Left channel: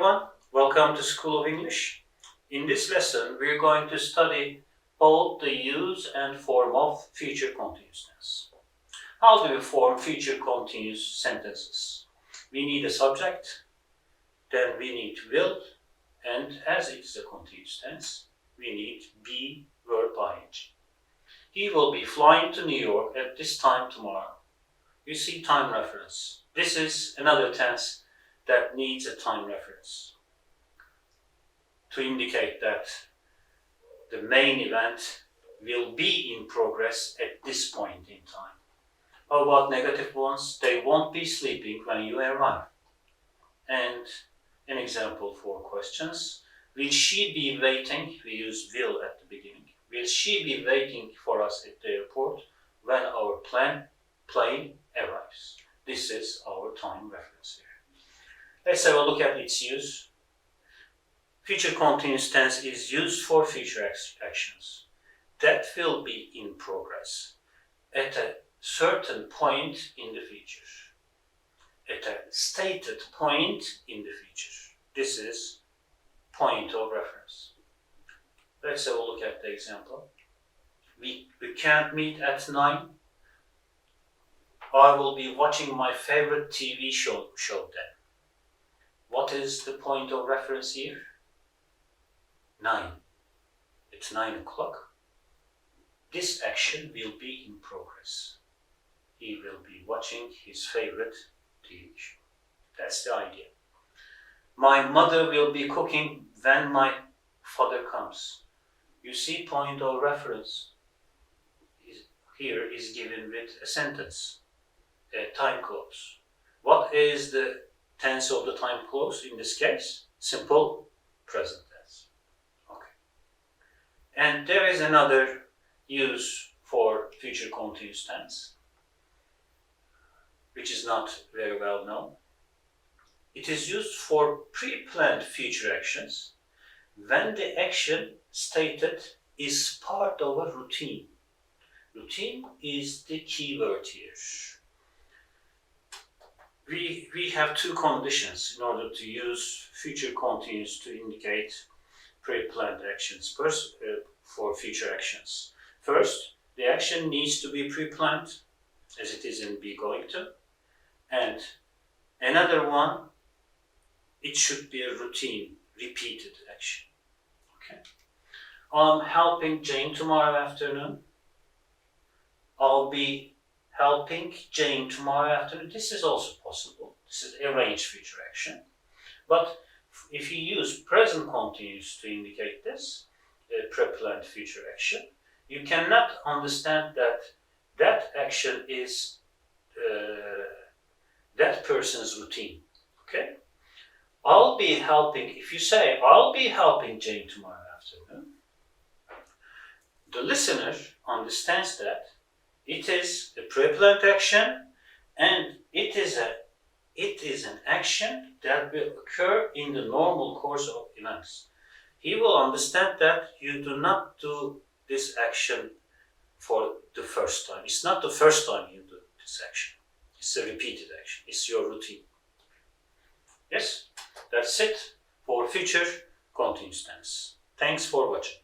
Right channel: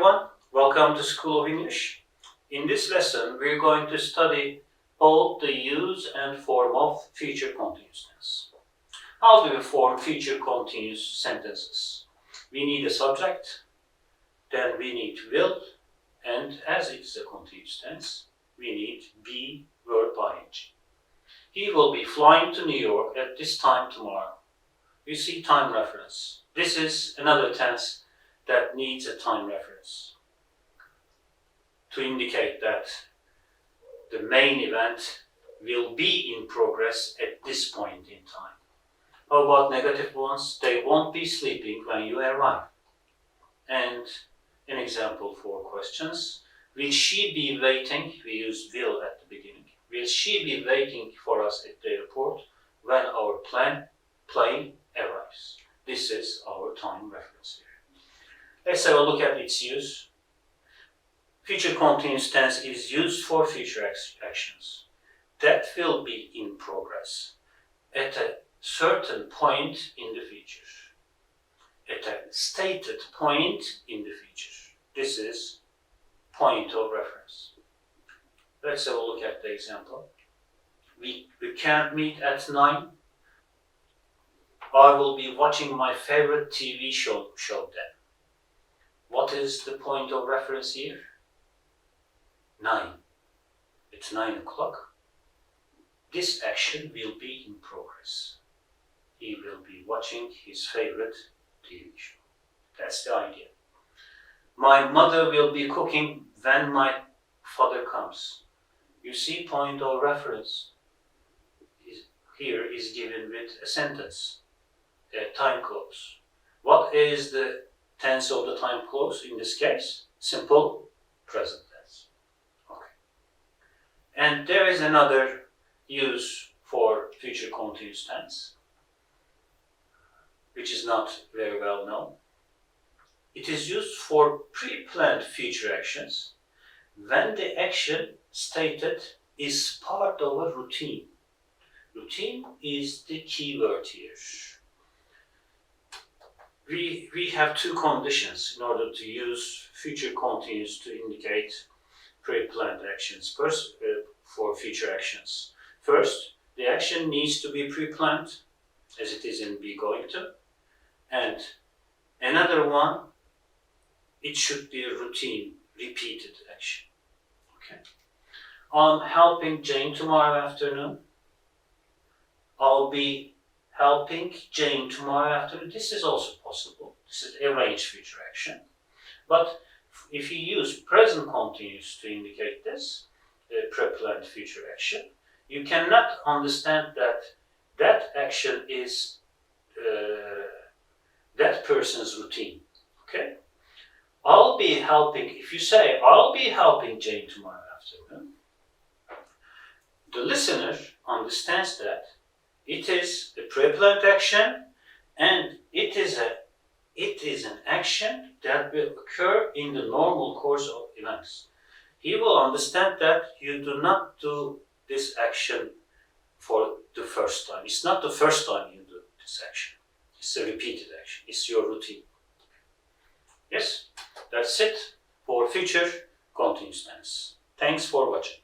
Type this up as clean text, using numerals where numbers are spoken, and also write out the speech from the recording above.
everyone, welcome to School of English. In this lesson, we're going to study both the use and form of future continuous tense. How do we form future continuous sentences? We need a subject, then we need will, and as it is a continuous tense, we need be, verb, ing. He will be flying to New York at this time tomorrow. You see time reference. This is another tense that needs a time reference to indicate that the main event will be in progress at this point in time. How about negative ones? They won't be sleeping when you arrive. And an example for questions. Will she be waiting? We use will at the beginning. Will she be waiting for us at the airport when our plane arrives? This is our time reference here. Let's have a look at its use. Future continuous tense is used for future actions that will be in progress at a certain point in the future, at a stated point in the future. This is point of reference. Let's have a look at the example. We can't meet at 9. I will be watching my favorite TV show then. What is the point of reference here? 9. It's 9 o'clock. This action will be in progress. He will be watching his favorite TV show. That's the idea. My mother will be cooking when my father comes. You see, point of reference here is given with a sentence, a time clause. What is the tense of the time clause in this case? Simple present tense. Okay. And there is another use for future continuous tense, which is not very well known. It is used for pre-planned future actions when the action stated is part of a routine. Routine is the key word here. We have two conditions in order to use future continuous to indicate pre-planned actions for future actions. First, the action needs to be pre-planned, as it is in be going to, and another one, it should be a routine, repeated action. Okay. I'm helping Jane tomorrow afternoon. I'll be helping Jane tomorrow afternoon. This is also possible. This is arranged future action. But if you use present continuous to indicate this, pre-planned future action, you cannot understand that that action is that person's routine. Okay? I'll be helping, if you say, I'll be helping Jane tomorrow afternoon, the listener understands that it is a pre-planned action and it is an action that will occur in the normal course of events. He will understand that you do not do this action for the first time. It's not the first time you do this action. It's a repeated action. It's your routine. Yes, that's it for future continuous tense. Thanks for watching.